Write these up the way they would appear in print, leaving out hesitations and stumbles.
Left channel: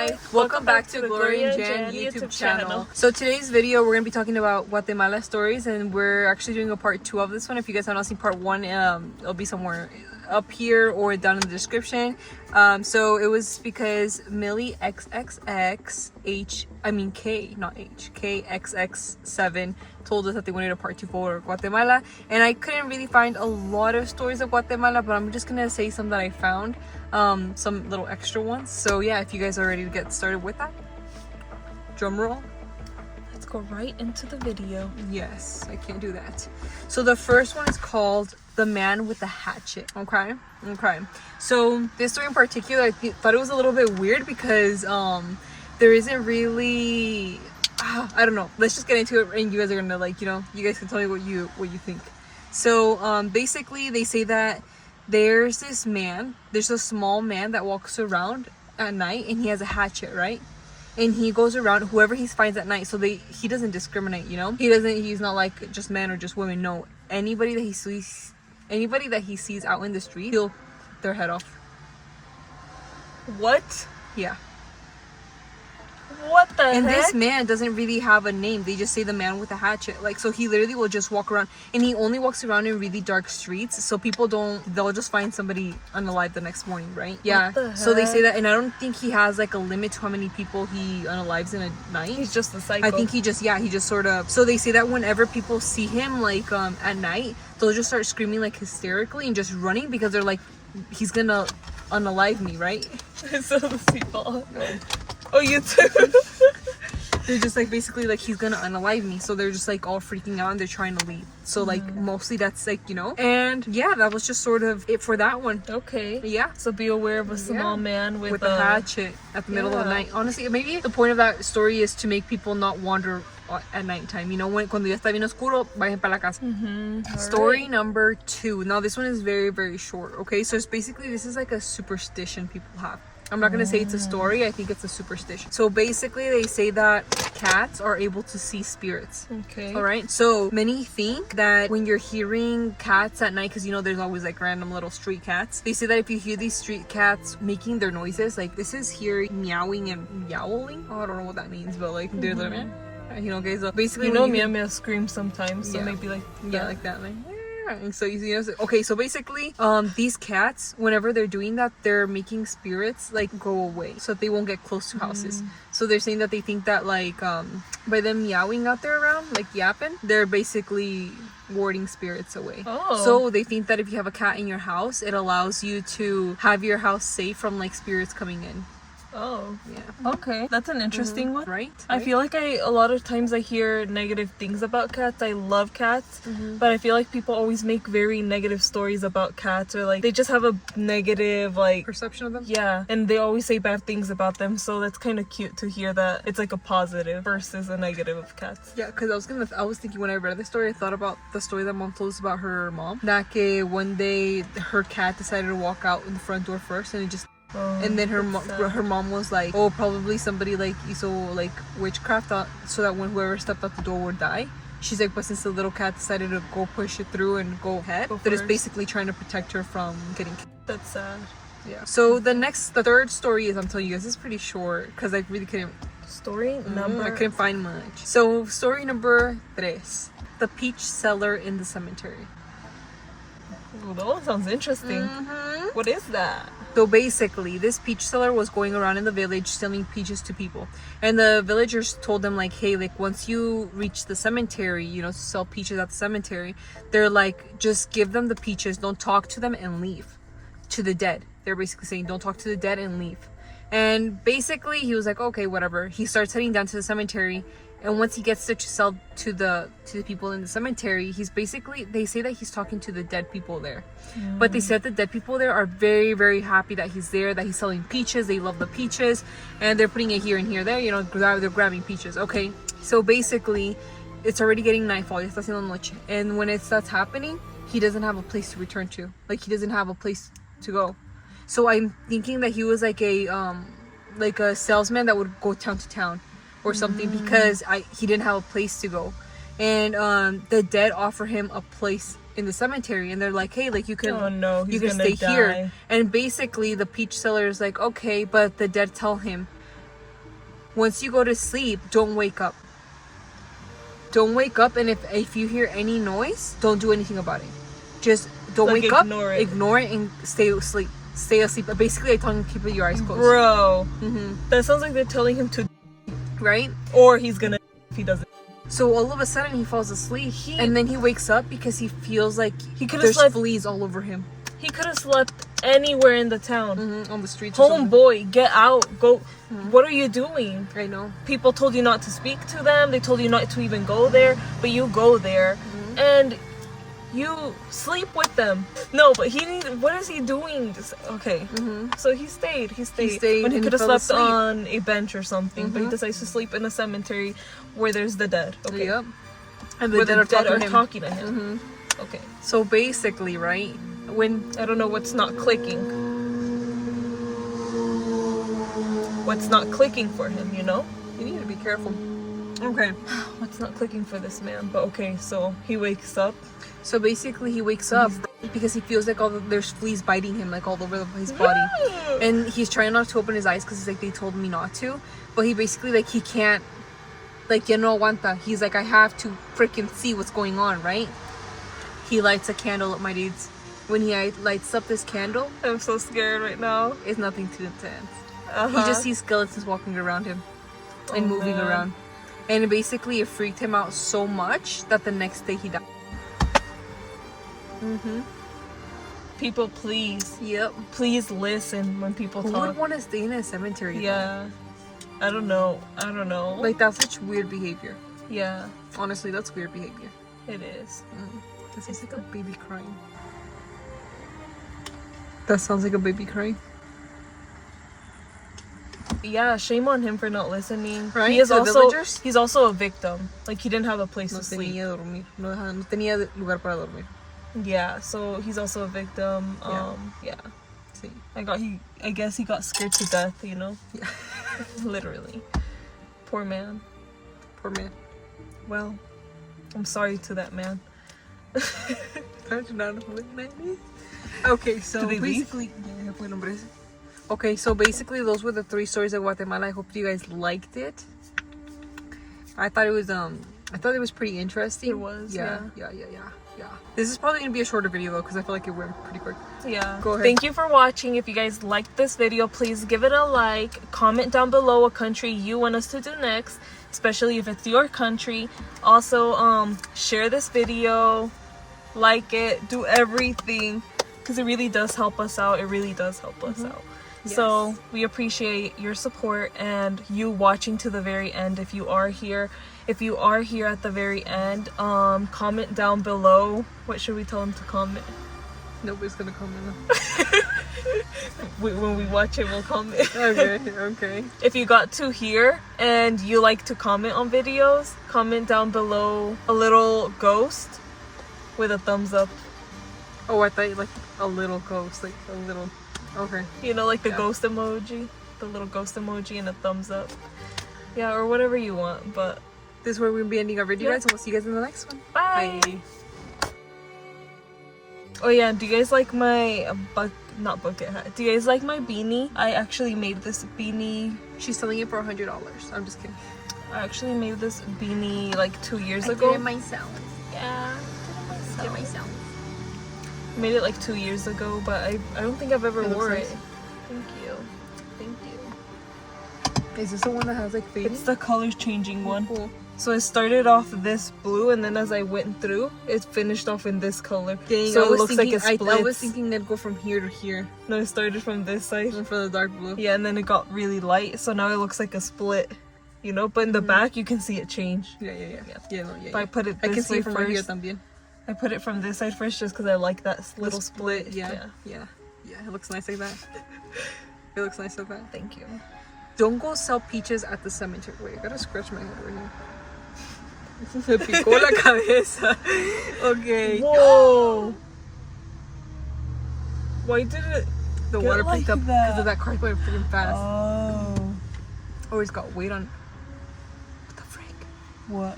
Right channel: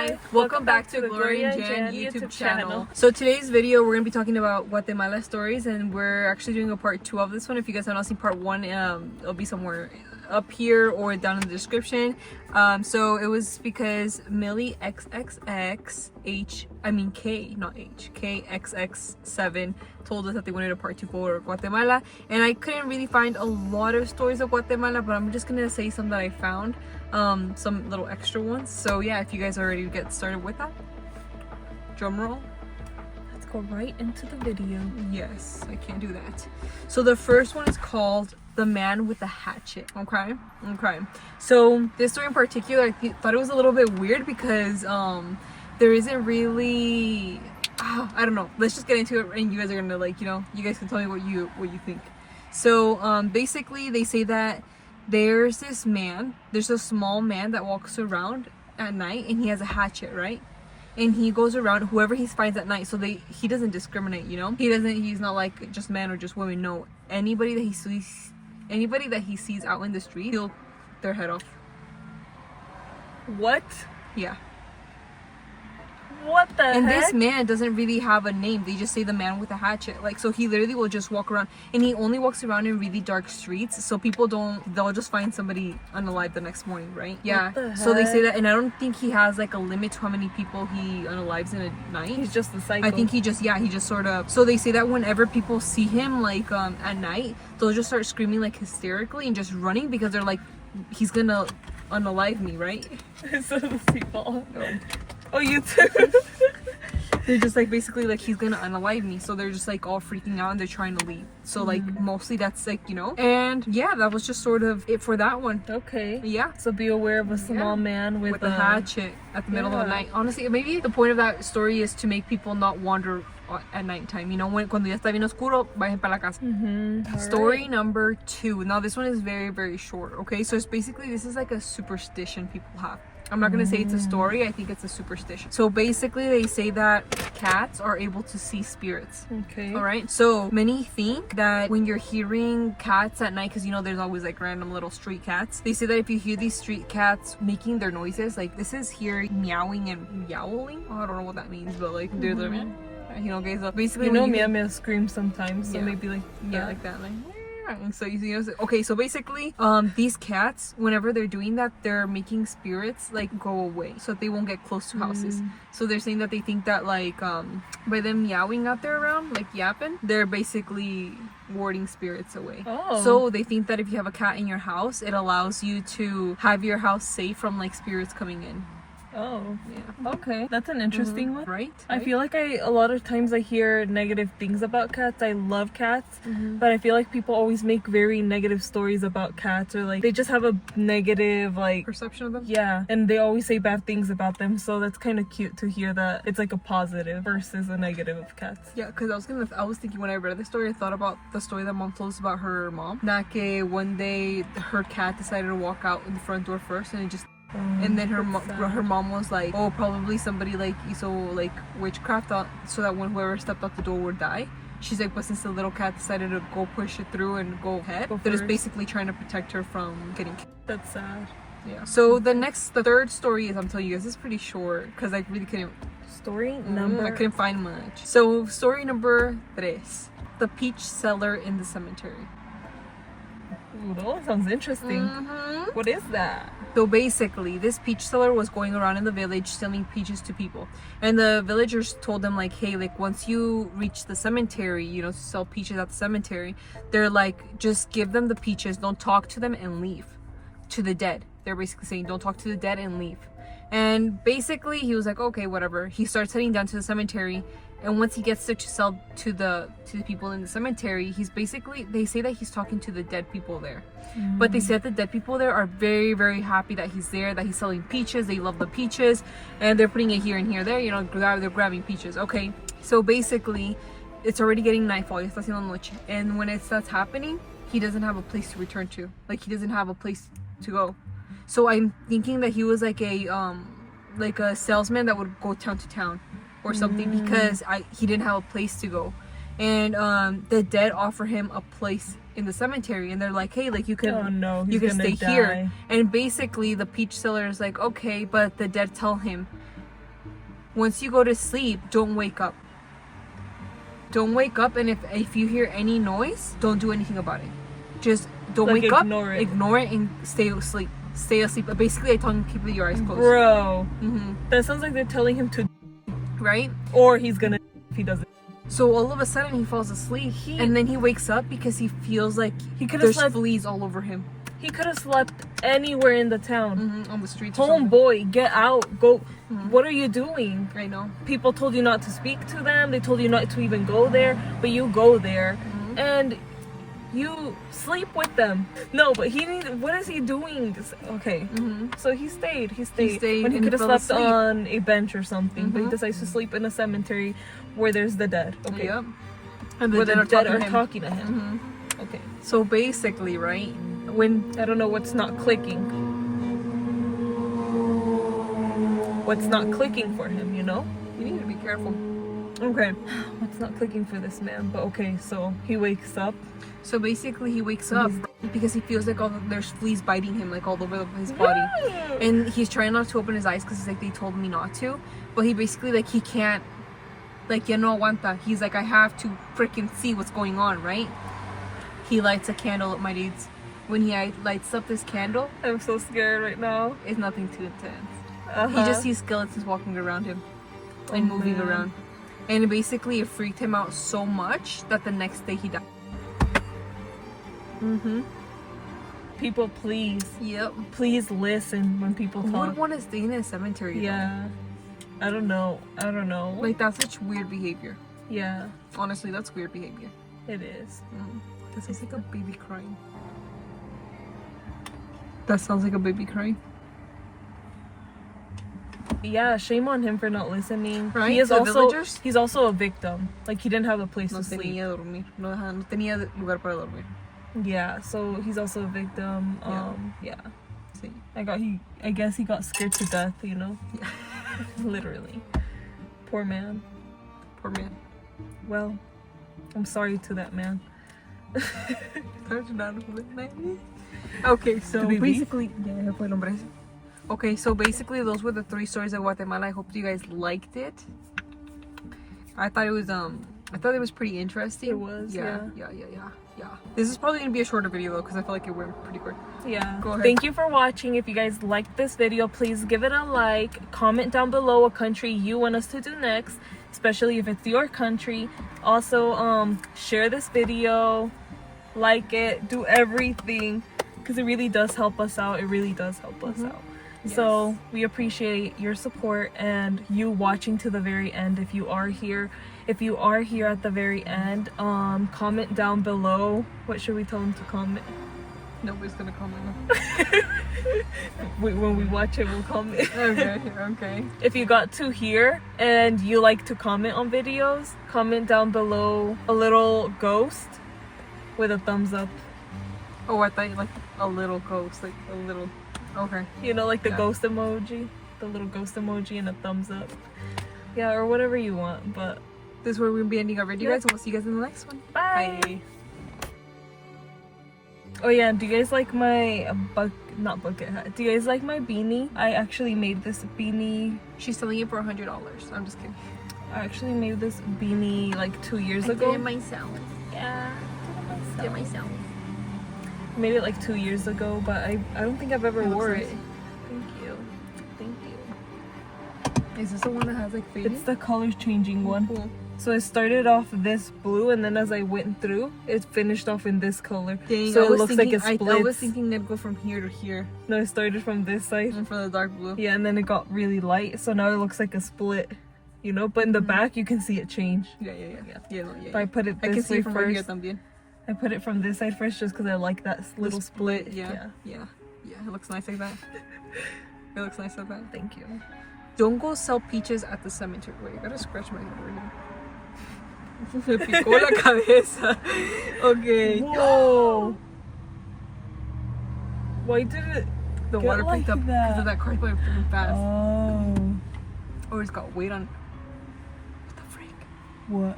Hi, welcome back to Gloria and Jan YouTube channel. So today's video we're going to be talking about Guatemala stories, and we're actually doing a part 2 of this one. If you guys have not seen part 1, it'll be somewhere up here or down in the description. So it was because Millie KXX7 told us that they wanted a part 2 for Guatemala, and I couldn't really find a lot of stories of Guatemala, but I'm just gonna say some that I found, some little extra ones. So yeah, if you guys are ready to get started with that, drum roll. Let's go right into the video. Yes, I can't do that. So the first one is called The Man with the Hatchet. Okay. So this story in particular, I thought it was a little bit weird because there isn't really, I don't know. Let's just get into it, and you guys are gonna you guys can tell me what you think. So basically, they say that there's a small man that walks around at night, and he has a hatchet, right? And he goes around whoever he finds at night. So he doesn't discriminate, he's not like just men or just women. No, anybody that he sees out in the street, he'll their head off. What? Yeah. What the And heck? this man doesn't really have a name. They just say the man with a hatchet. Like, so he literally will just walk around, and he only walks around in really dark streets, so they'll just find somebody unalive the next morning, right? Yeah. So they say that, and I don't think he has like a limit to how many people he unalives in a night. He's just a psycho. I think he just sort of, so they say that whenever people see him like at night, they'll just start screaming like hysterically and just running because they're like, he's gonna unalive me, right? So those people. Oh, you too. They're just like, basically like, he's gonna unalive me, so they're just like all freaking out and they're trying to leave. So like mostly that's like, and yeah, that was just sort of it for that one. Okay. Yeah. So be aware of a small man with a hatchet at the middle of the night. Honestly, maybe the point of that story is to make people not wander at nighttime. Cuando ya está bien oscuro, vayan para la casa. Story number 2. Now this one is very, very short. Okay, so it's basically, this is like a superstition people have. I'm not gonna say it's a story, I think it's a superstition. So basically they say that cats are able to see spirits. Okay. Alright, so many think that when you're hearing cats at night, because there's always like random little street cats, they say that if you hear these street cats making their noises, like this is here meowing and yowling. I don't know what that means, but like they're like, guys, basically meow screams sometimes, so maybe like that. Like that, like. So okay, so basically these cats, whenever they're doing that, they're making spirits like go away so that they won't get close to houses. So they're saying that they think that like by them meowing out there around, like yapping, they're basically warding spirits away. So they think that if you have a cat in your house, it allows you to have your house safe from like spirits coming in. Oh, yeah. Okay, that's an interesting one. Right? I feel like a lot of times I hear negative things about cats. I love cats, but I feel like people always make very negative stories about cats, or like they just have a negative like perception of them. Yeah, and they always say bad things about them. So that's kind of cute to hear that it's like a positive versus a negative of cats. Yeah, because I was thinking when I read this story, I thought about the story that mom told us about her mom. That one day her cat decided to walk out in the front door first, and it just. And then her mom was like, oh, probably somebody like witchcraft so that when whoever stepped out the door would die. She's like, but since the little cat decided to go push it through and go ahead, that is basically trying to protect her from getting killed. That's sad. Yeah. So the third story is, I'm telling you guys, this is pretty short because I really couldn't. I couldn't find much. So story number 3, the peach seller in the cemetery. Ooh, that one sounds interesting. What is that? So basically, this peach seller was going around in the village selling peaches to people. And the villagers told them like, hey, like once you reach the cemetery, to sell peaches at the cemetery, they're like, just give them the peaches, don't talk to them, and leave. To the dead. They're basically saying, don't talk to the dead and leave. And basically, he was like, okay, whatever. He starts heading down to the cemetery. And once he gets to sell to the people in the cemetery, they say that he's talking to the dead people there. But they said the dead people there are very, very happy that he's there, that he's selling peaches. They love the peaches, and they're putting it here and here, there. They're grabbing peaches. Okay, so basically, it's already getting nightfall. Está haciendo noche, and when it starts happening, he doesn't have a place to return to. Like he doesn't have a place to go. So I'm thinking that he was like a salesman that would go town to town or something, because he didn't have a place to go. And the dead offer him a place in the cemetery, and they're like, hey, like you can stay here. And basically the peach seller is like, okay, but the dead tell him, once you go to sleep, don't wake up. Don't wake up, and if you hear any noise, don't do anything about it. Just don't Like, wake up, ignore it, and stay asleep. Stay asleep. Basically, I'm telling people your eyes closed. Bro, Mm-hmm. that sounds like they're telling him to, Right? or he's gonna if he doesn't. So all of a sudden he falls asleep, and then he wakes up because he feels like He could've there's slept- fleas all over him. He could have slept anywhere in the town. On the streets. or something. Homeboy, get out. Go. What are you doing? I know. People told you not to speak to them. They told you not to even go there, but you go there, and you sleep with them. No, but what is he doing? Okay. So he stayed. He stayed when he and could have fell slept asleep. on a bench or something, but he decides to sleep in a cemetery where there's the dead. Okay. Yep. And the Where dead the are dead talking are to him. talking to him. Okay. So basically, right? When I don't know what's not clicking. What's not clicking for him, you know? you need to be careful. Okay. What's not clicking for this man? But okay, so he wakes up. So basically, he wakes up because he feels like there's fleas biting him like all over his body, and he's trying not to open his eyes because he's like, they told me not to. But he basically like he can't, like, ya no aguanta. He's like, I have to freaking see what's going on, right? He lights a candle up, my dudes. When he lights up this candle, I'm so scared right now. it's nothing too intense. He just sees skeletons walking around him and moving man. around, and basically it freaked him out so much that the next day he died. People, please, Yep. please listen when people Who would talk. want to stay in a cemetery? though? Yeah. I don't know. Like, that's such weird behavior. Yeah, Honestly, that's weird behavior. it is. That sounds like a baby crying. That sounds like a baby crying. Yeah, shame on him for not listening. Right, He is the also villagers? he's also a victim. Like, he didn't have a place No to sleep. tenía dormir. No tenía lugar para dormir. Yeah, so he's also a victim. Yeah. Sí. I guess he got scared to death, you know? Yeah. Literally. Poor man. Poor man. Well, I'm sorry to that man. Okay, so Did they leave? basically, yeah, fue el hombre ese. Okay, so basically those were the 3 stories of Guatemala. I hope you guys liked it. I thought it was pretty interesting. It was, Yeah. This is probably gonna be a shorter video though, because I feel like it went pretty quick. Yeah. Go ahead. Thank you for watching. If you guys liked this video, please give it a like. Comment down below what country you want us to do next, especially if it's your country. Also, share this video, like it, do everything, because it really does help us out. It really does help us out. Yes. So we appreciate your support and you watching to the very end. If you are here at the very end, comment down below. What should we tell them to comment? Nobody's gonna comment. When we watch it, we'll comment. Okay. If you got to here and you like to comment on videos, comment down below a little ghost with a thumbs up. Oh, I thought you like a little ghost, like a little. Okay. You know, like the ghost emoji, the little ghost emoji and a thumbs up. Yeah, or whatever you want. But This is where we're gonna be ending our video, Yeah. guys. So we'll see you guys in the next one. bye. Bye. Oh yeah, do you guys like my not bucket hat? Do you guys like my beanie? I actually made this beanie. She's selling it for $100. I'm just kidding. I actually made this beanie like 2 years ago. myself. Yeah. Did it myself. Made it like 2 years ago, but I don't think I've ever It looks wore nice. it. Thank you. Is this the one that has like fading? It's the colors changing one. Cool. So it started off this blue, and then as I went through, it finished off in this color. Dang, So I it was looks like thinking, it splits. I was thinking they'd go from here to here. No, it started from this side. And for the dark blue. Yeah, and then it got really light, so now it looks like a split. You know, but in the back you can see it change. Yeah. But I put it I this can see way it from right here first. también. I put it from this side first just because I like that little split. Yeah. It looks nice like that. It looks nice like that. Thank you. Don't go sell peaches at the cemetery. Wait, I gotta scratch my head right here. Me picó la cabeza. Okay. Whoa! Why did it? The Get water like picked up that. because of that car going freaking fast. Oh. Or it's got weight on. What the frick? What?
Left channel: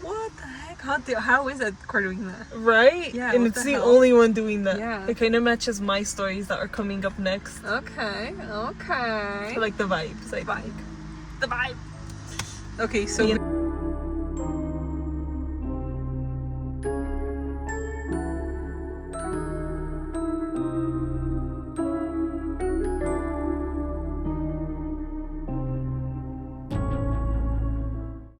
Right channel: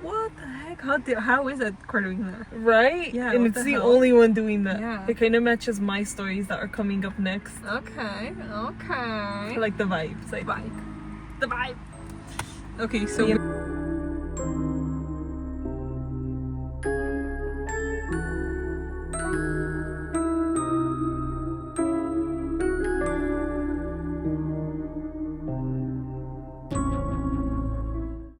What the heck? How is that car doing that? Right? Yeah, And what it's the the hell? only one doing that. Yeah. It kind of matches my stories that are coming up next. Okay. I like the vibes. I Bye. think. the vibe. Okay, so. Yeah.